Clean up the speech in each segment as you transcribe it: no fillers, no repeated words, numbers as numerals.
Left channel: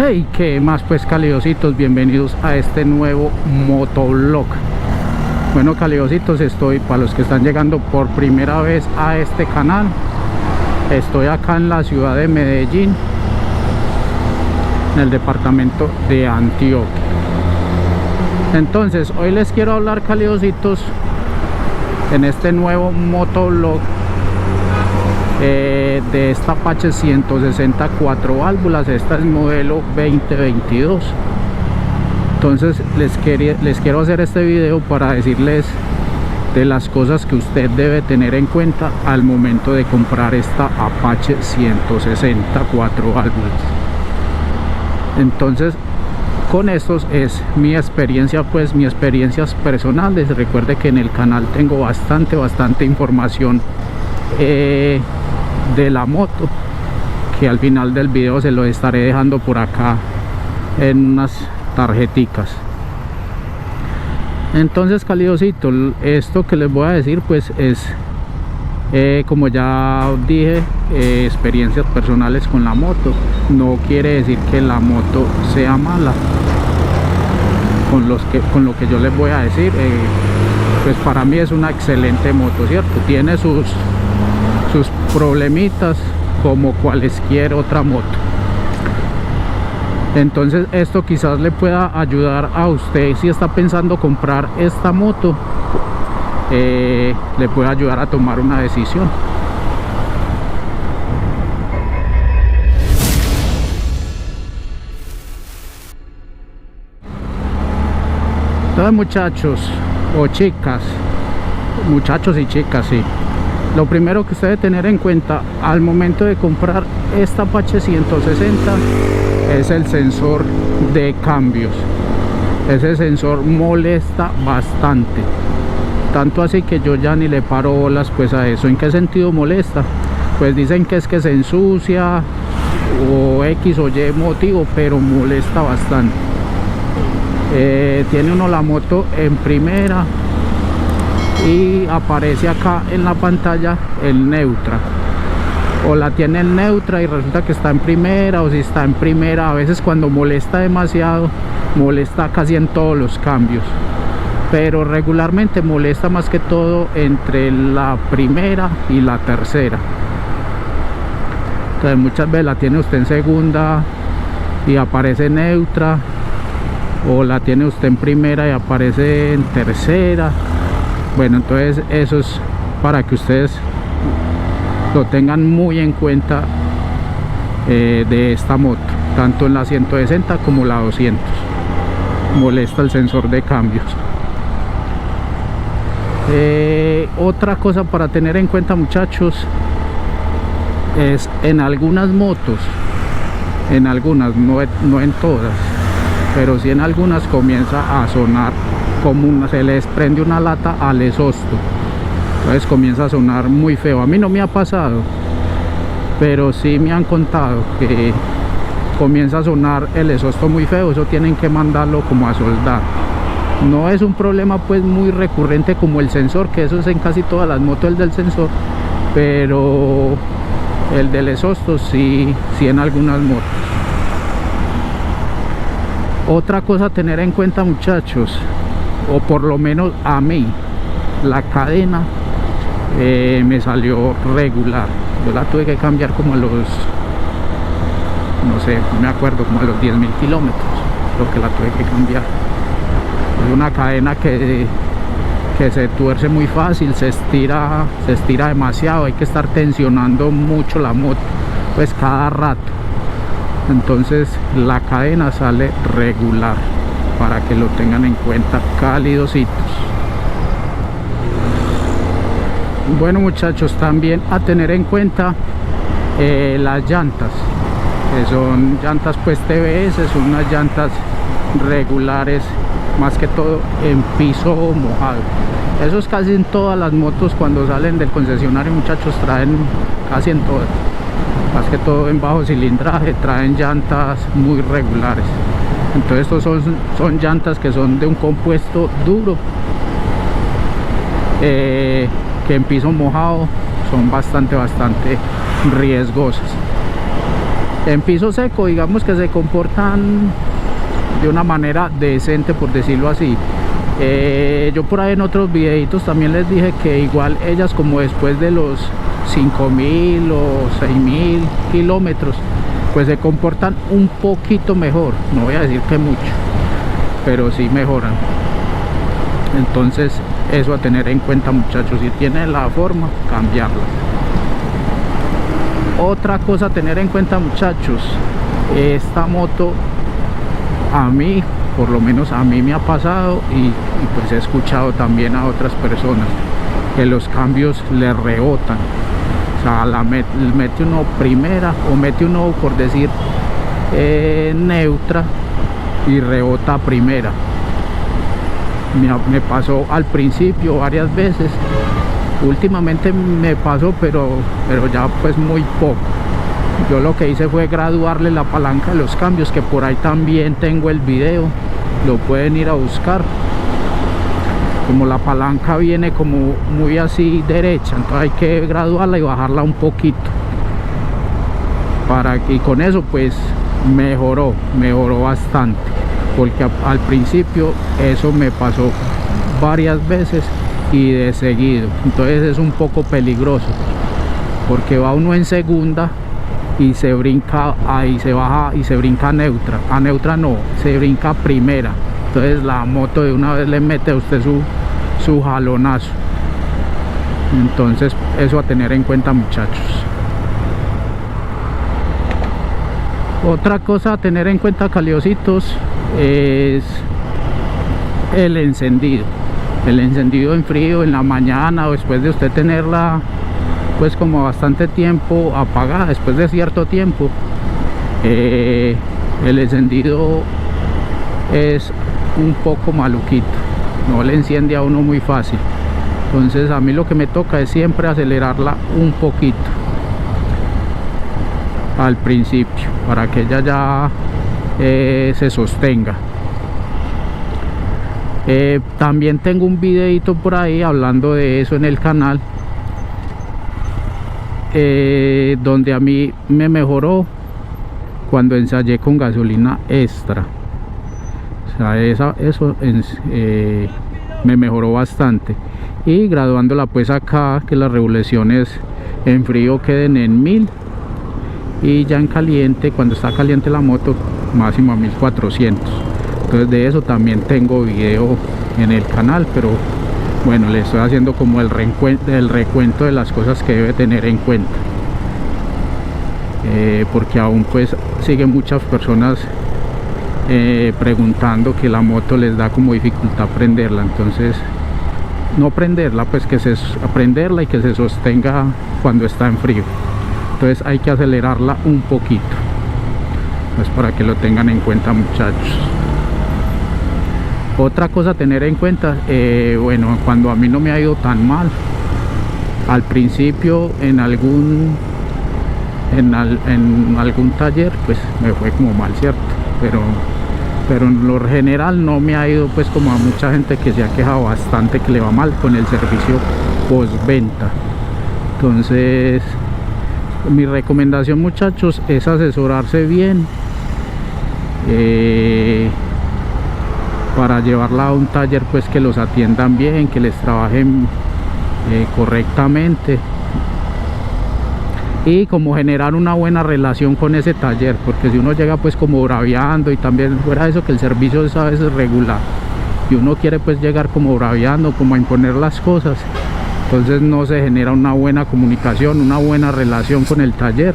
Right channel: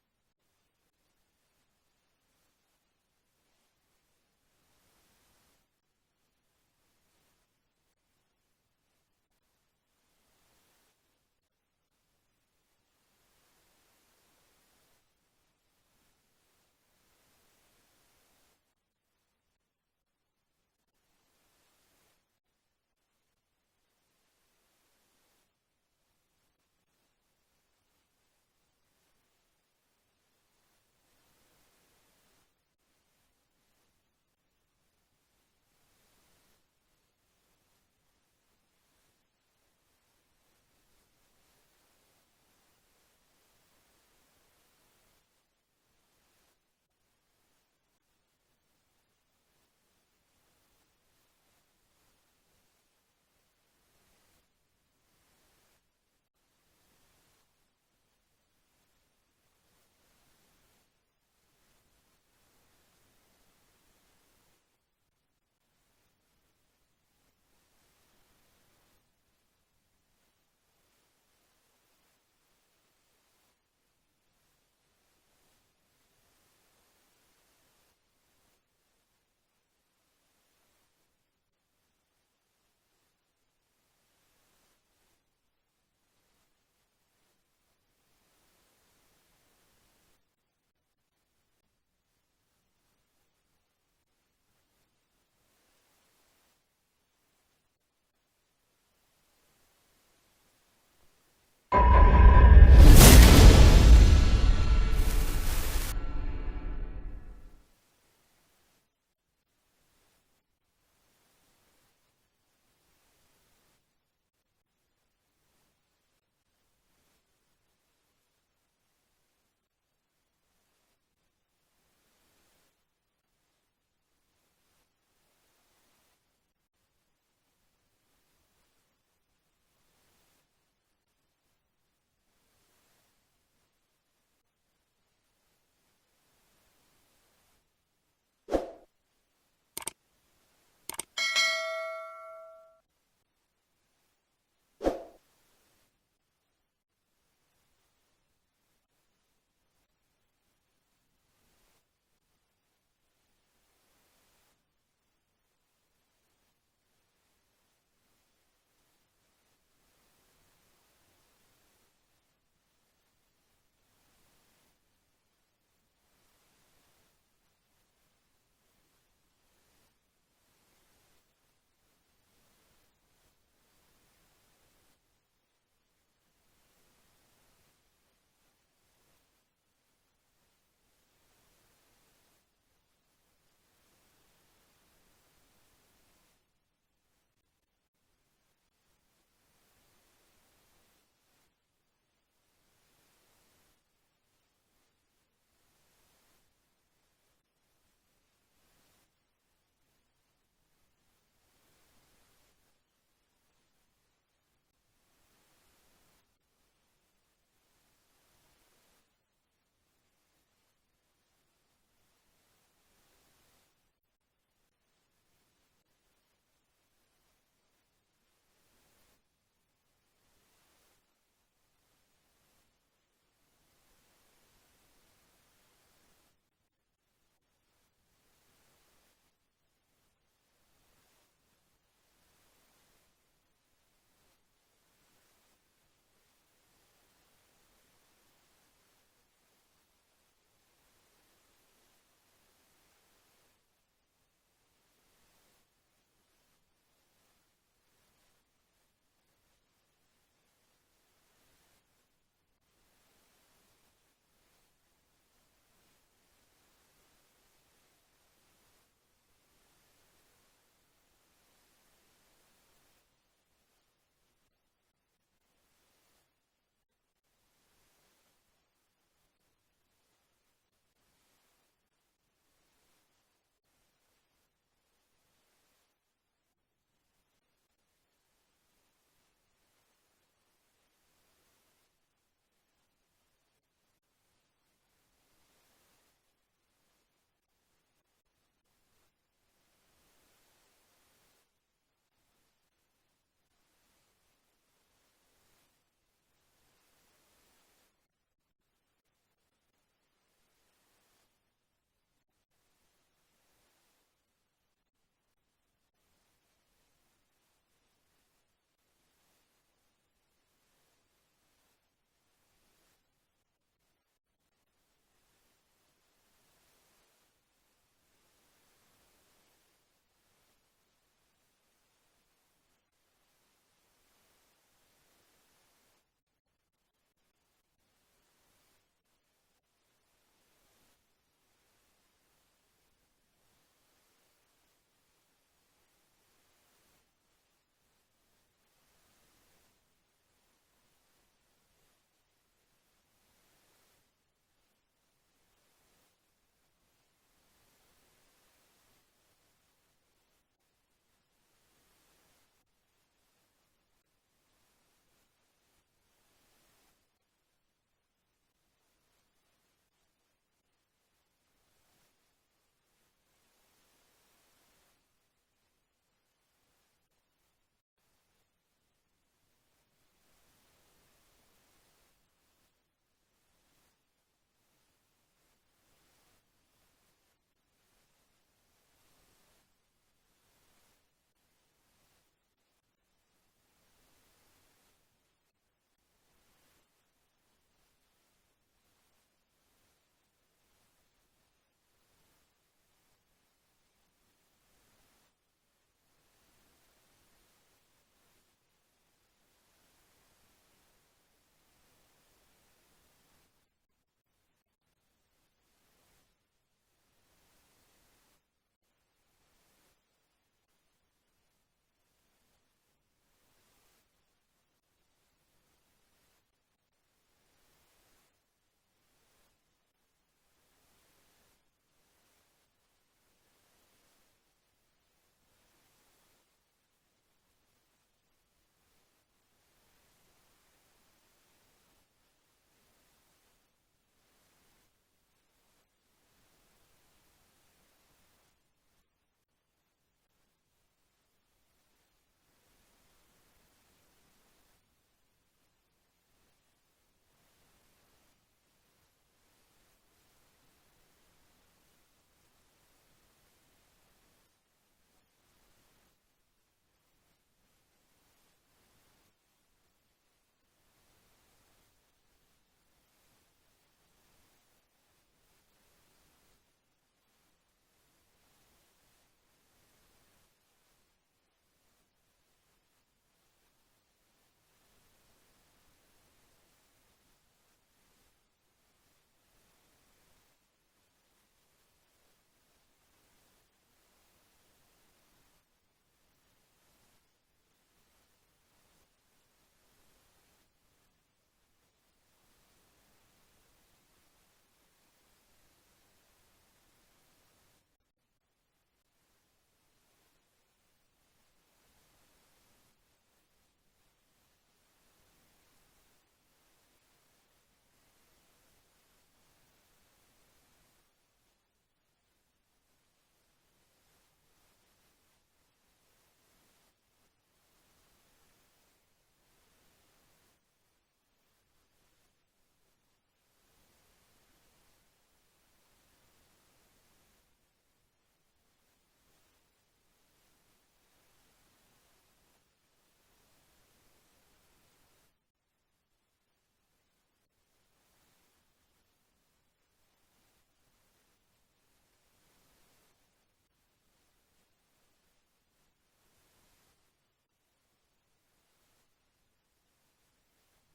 Hey, qué más pues, calidositos, bienvenidos a este nuevo motovlog. Bueno, calidositos, estoy, para los que están llegando por primera vez a este canal, estoy acá en la ciudad de Medellín, en el departamento de Antioquia. Entonces, hoy les quiero hablar, calidositos, en este nuevo motovlog de esta Apache 164 válvulas. Esta es modelo 2022. Entonces les quiero hacer este video para decirles de las cosas que usted debe tener en cuenta al momento de comprar esta Apache 164 válvulas. Entonces, con estos es mi experiencia, pues mis experiencias personales. Recuerde que en el canal tengo bastante información de la moto, que al final del video se lo estaré dejando por acá en unas tarjeticas. Entonces, calidosito, esto que les voy a decir pues es como ya dije, experiencias personales con la moto. No quiere decir que la moto sea mala. Con lo que yo les voy a decir, pues para mí es una excelente moto, ¿cierto? Tiene sus problemitas como cualquier otra moto. Entonces esto quizás le pueda ayudar a usted si está pensando comprar esta moto, le puede ayudar a tomar una decisión. Entonces, muchachos o chicas, muchachos y chicas, sí, lo primero que usted debe tener en cuenta al momento de comprar esta Apache 160 es el sensor de cambios. Ese sensor molesta bastante, tanto así que yo ya ni le paro bolas pues a eso. ¿En qué sentido molesta? Pues dicen que es que se ensucia o X o Y motivo, pero molesta bastante. Tiene uno la moto en primera y aparece acá en la pantalla el neutra, o la tiene en neutra y resulta que está en primera, o si está en primera, a veces cuando molesta demasiado, molesta casi en todos los cambios, pero regularmente molesta más que todo entre la primera y la tercera. Entonces muchas veces la tiene usted en segunda y aparece neutra, o la tiene usted en primera y aparece en tercera. Bueno, entonces eso es para que ustedes lo tengan muy en cuenta de esta moto, tanto en la 160 como la 200. Molesta el sensor de cambios. Otra cosa para tener en cuenta, muchachos, es en algunas motos, en algunas, no en todas, pero sí en algunas, comienza a sonar como se les prende una lata al exhausto. Entonces comienza a sonar muy feo. A mí no me ha pasado, pero sí me han contado que comienza a sonar el exhausto muy feo. Eso tienen que mandarlo como a soldar. No es un problema pues muy recurrente como el sensor, que eso es en casi todas las motos, el del sensor, pero el del exhausto sí en algunas motos. Otra cosa a tener en cuenta, muchachos, o por lo menos a mí, la cadena me salió regular. Yo la tuve que cambiar como a los, no sé, no me acuerdo, como a los 10.000 kilómetros, lo que la tuve que cambiar. Es una cadena que se tuerce muy fácil, se estira demasiado, hay que estar tensionando mucho la moto pues cada rato. Entonces la cadena sale regular, para que lo tengan en cuenta, calidositos. Bueno, muchachos, también a tener en cuenta las llantas, que son llantas pues TBS, son unas llantas regulares, más que todo en piso mojado. Eso es casi en todas las motos cuando salen del concesionario, muchachos, traen casi en todas, más que todo en bajo cilindraje, traen llantas muy regulares. Entonces estos son llantas que son de un compuesto duro, que en piso mojado son bastante riesgosas. En piso seco, digamos que se comportan de una manera decente, por decirlo así. Yo por ahí en otros videitos también les dije que igual ellas, como después de los 5.000 o 6.000 kilómetros, pues se comportan un poquito mejor, no voy a decir que mucho, pero sí mejoran. Entonces eso a tener en cuenta, muchachos, si tienen la forma, cambiarla. Otra cosa a tener en cuenta, muchachos, esta moto a mí, por lo menos a mí me ha pasado y pues he escuchado también a otras personas que los cambios le rebotan. O sea, mete uno primera o mete uno, por decir, neutra y rebota primera. Me pasó al principio varias veces. Últimamente me pasó, pero ya pues muy poco. Yo lo que hice fue graduarle la palanca de los cambios, que por ahí también tengo el video, lo pueden ir a buscar. Como la palanca viene como muy así derecha, entonces hay que graduarla y bajarla un poquito, y con eso pues mejoró bastante, porque al principio eso me pasó varias veces y de seguido. Entonces es un poco peligroso, porque va uno en segunda y se brinca, ahí se baja y se brinca a neutra no, se brinca a primera. Entonces la moto de una vez le mete a usted su jalonazo. Entonces eso a tener en cuenta, muchachos. Otra cosa a tener en cuenta, caliositos, es el encendido en frío, en la mañana, o después de usted tenerla pues como bastante tiempo apagada, después de cierto tiempo, el encendido es un poco maluquito, no le enciende a uno muy fácil. Entonces a mí lo que me toca es siempre acelerarla un poquito al principio, para que ella ya se sostenga. También tengo un videito por ahí hablando de eso en el canal, donde a mí me mejoró cuando ensayé con gasolina extra. O sea, eso me mejoró bastante. Y graduándola pues acá, que las revoluciones en frío queden en 1000, y ya en caliente, cuando está caliente la moto, máximo a 1400. Entonces de eso también tengo video en el canal, pero bueno, le estoy haciendo como el recuento de las cosas que debe tener en cuenta, porque aún pues siguen muchas personas preguntando, que la moto les da como dificultad prenderla. Entonces no prenderla, pues aprenderla y que se sostenga cuando está en frío. Entonces hay que acelerarla un poquito, pues para que lo tengan en cuenta, muchachos. Otra cosa a tener en cuenta, bueno, cuando a mí no me ha ido tan mal, al principio en algún taller pues me fue como mal, cierto, pero en lo general no me ha ido pues como a mucha gente que se ha quejado bastante que le va mal con el servicio postventa. Entonces mi recomendación, muchachos, es asesorarse bien para llevarla a un taller pues que los atiendan bien, que les trabajen correctamente, y como generar una buena relación con ese taller, porque si uno llega pues como braviando, y también fuera de eso que el servicio es a veces regular, y uno quiere pues llegar como braviando, como a imponer las cosas, entonces no se genera una buena comunicación, una buena relación con el taller,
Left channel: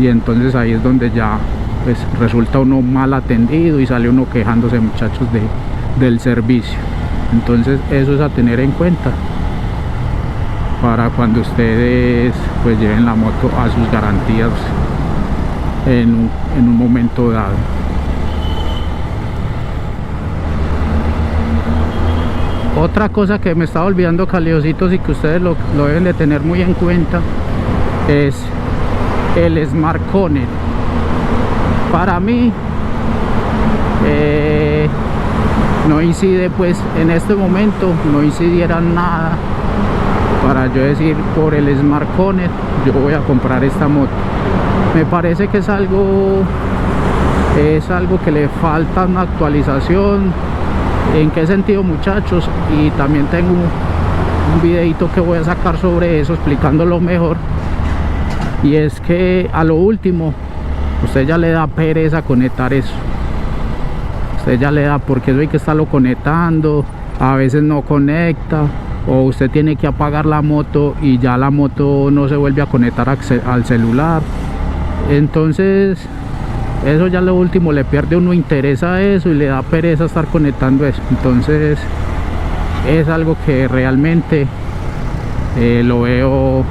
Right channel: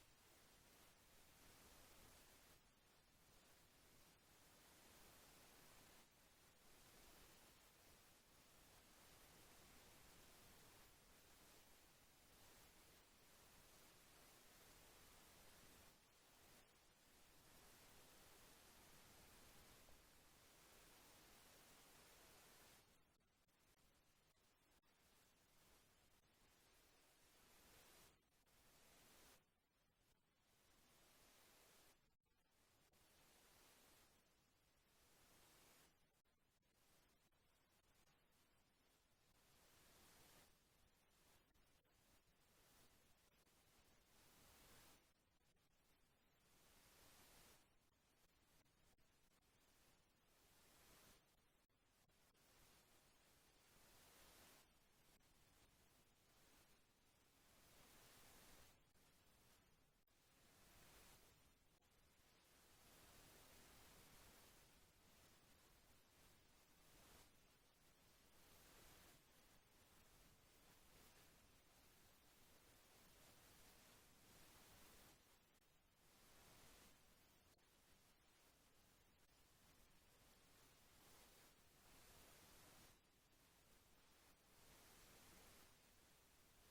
y entonces ahí es donde ya pues resulta uno mal atendido y sale uno quejándose, muchachos, del servicio. Entonces eso es a tener en cuenta para cuando ustedes pues lleven la moto a sus garantías en un momento dado. Otra cosa que me estaba olvidando, caliositos, y que ustedes lo deben de tener muy en cuenta, es el Smart Connect. Para mí no incide pues en este momento, no incidiera nada para yo decir por el Smart Connect yo voy a comprar esta moto. Me parece que es algo que le falta una actualización. ¿En qué sentido, muchachos? Y también tengo un videito que voy a sacar sobre eso, explicándolo mejor. Y es que a lo último, usted ya le da pereza conectar eso. Usted ya le da, porque eso hay que estarlo conectando, a veces no conecta, o usted tiene que apagar la moto y ya la moto no se vuelve a conectar al celular. Entonces eso ya lo último le pierde uno interés a eso y le da pereza estar conectando eso. Entonces es algo que realmente lo veo,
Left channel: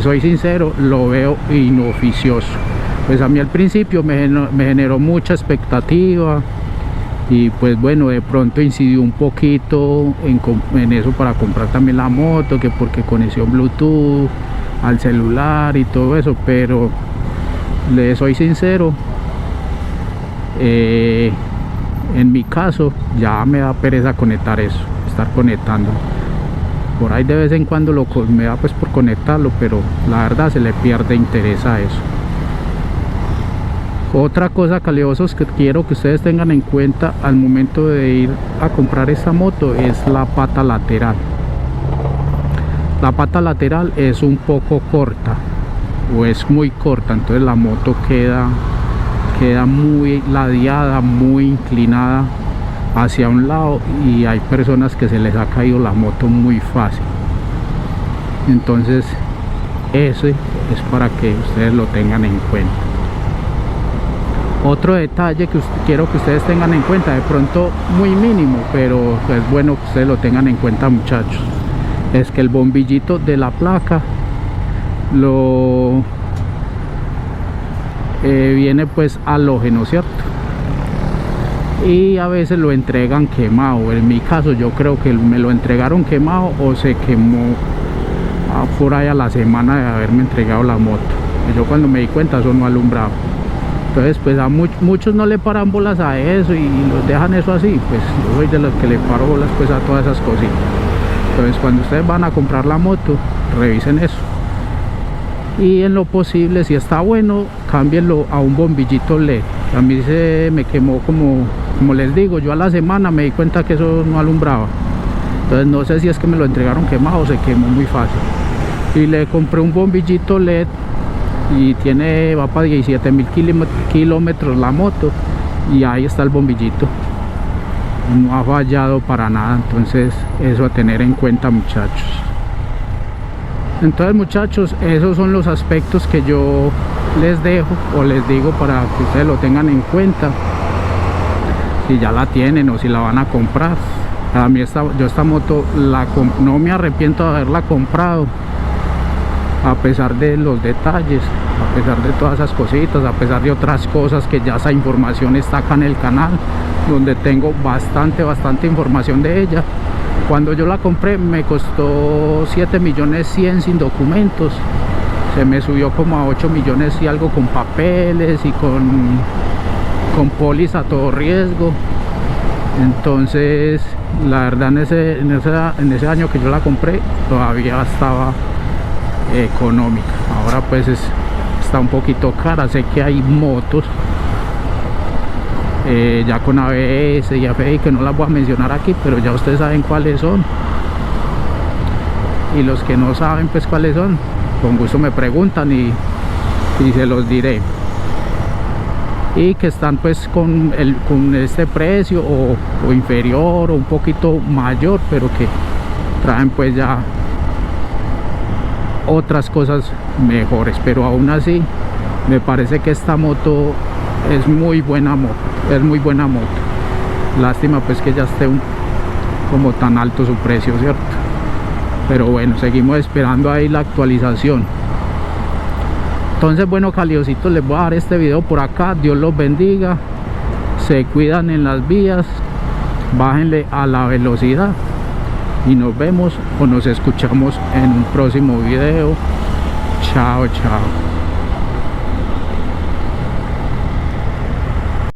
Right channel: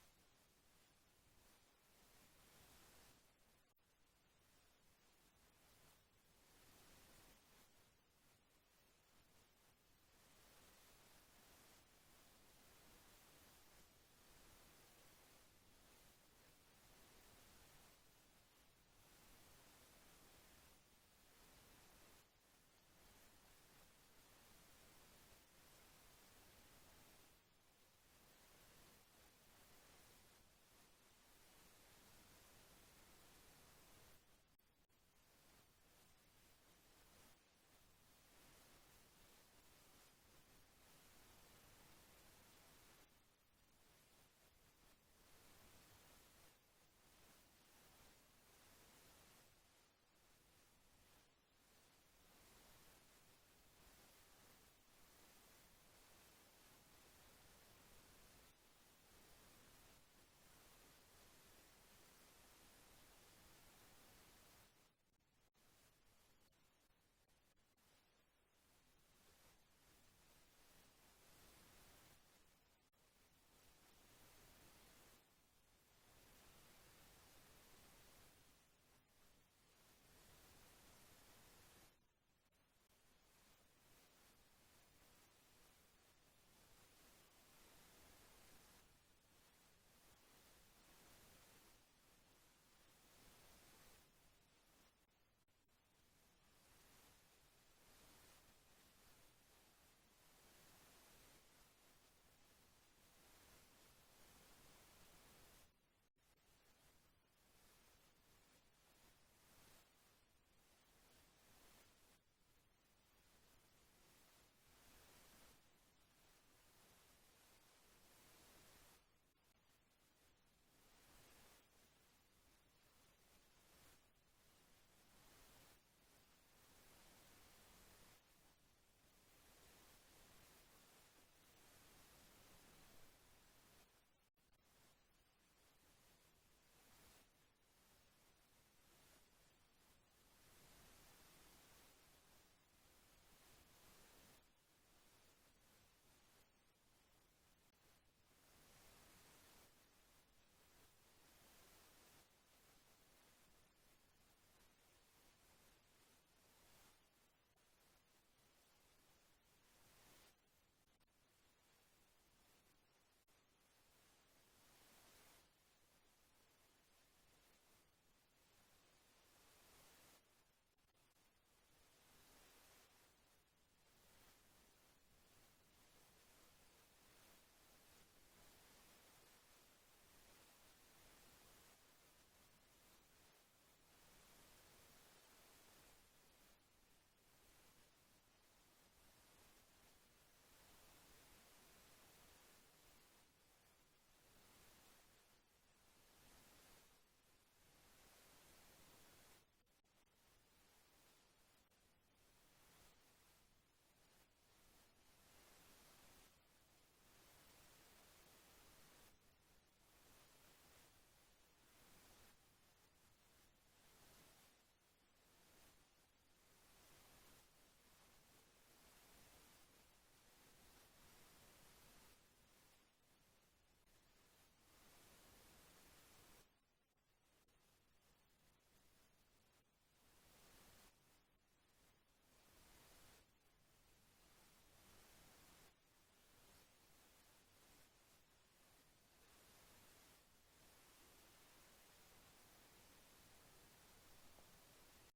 soy sincero, lo veo inoficioso. Pues a mí al principio me generó mucha expectativa y pues bueno, de pronto incidió un poquito en eso para comprar también la moto, que porque conexión Bluetooth al celular y todo eso, pero le soy sincero, en mi caso ya me da pereza conectar eso, estar conectando. Por ahí de vez en cuando me da pues por conectarlo, pero la verdad se le pierde interés a eso. Otra cosa, caliosos, que quiero que ustedes tengan en cuenta al momento de ir a comprar esta moto es la pata lateral. La pata lateral es un poco corta, o es muy corta, entonces la moto queda muy ladeada, muy inclinada hacia un lado, y hay personas que se les ha caído la moto muy fácil. Entonces ese es para que ustedes lo tengan en cuenta. Otro detalle que quiero que ustedes tengan en cuenta, de pronto muy mínimo, pero es bueno que ustedes lo tengan en cuenta, muchachos, es que el bombillito de la placa viene pues halógeno, ¿cierto? Y a veces lo entregan quemado. En mi caso yo creo que me lo entregaron quemado o se quemó por ahí a la semana de haberme entregado la moto. Yo cuando me di cuenta eso no alumbraba. Entonces pues a muchos no le paran bolas a eso y los dejan eso así. Pues yo soy de los que le paro bolas pues a todas esas cositas. Entonces cuando ustedes van a comprar la moto, revisen eso. Y en lo posible, si está bueno, cámbienlo a un bombillito LED. A mí se me quemó, como les digo, yo a la semana me di cuenta que eso no alumbraba. Entonces no sé si es que me lo entregaron quemado o se quemó muy fácil. Y le compré un bombillito LED y va para 17.000 kilómetros la moto, y ahí está el bombillito, no ha fallado para nada. Entonces eso a tener en cuenta, muchachos. Entonces, muchachos, esos son los aspectos que yo les dejo o les digo para que ustedes lo tengan en cuenta, si ya la tienen o si la van a comprar. A mí yo esta moto no me arrepiento de haberla comprado, a pesar de los detalles, a pesar de todas esas cositas, a pesar de otras cosas, que ya esa información está acá en el canal, donde tengo bastante información de ella. Cuando yo la compré me costó 7.100.000 sin documentos, se me subió como a 8 millones y algo con papeles y con póliza a todo riesgo. Entonces la verdad en ese año que yo la compré todavía estaba económica. Ahora pues está un poquito cara. Sé que hay motos ya con ABS y AFI que no las voy a mencionar aquí, pero ya ustedes saben cuáles son. Y los que no saben pues cuáles son, con gusto me preguntan y se los diré. Y que están pues con este precio o inferior o un poquito mayor, pero que traen pues ya otras cosas mejores. Pero aún así me parece que esta moto es muy buena moto, lástima pues que ya esté como tan alto su precio, ¿cierto? Pero bueno, seguimos esperando ahí la actualización. Entonces bueno, caliositos, les voy a dar este video por acá. Dios los bendiga, se cuidan en las vías, bájenle a la velocidad y nos vemos o nos escuchamos en un próximo video. Chao, chao.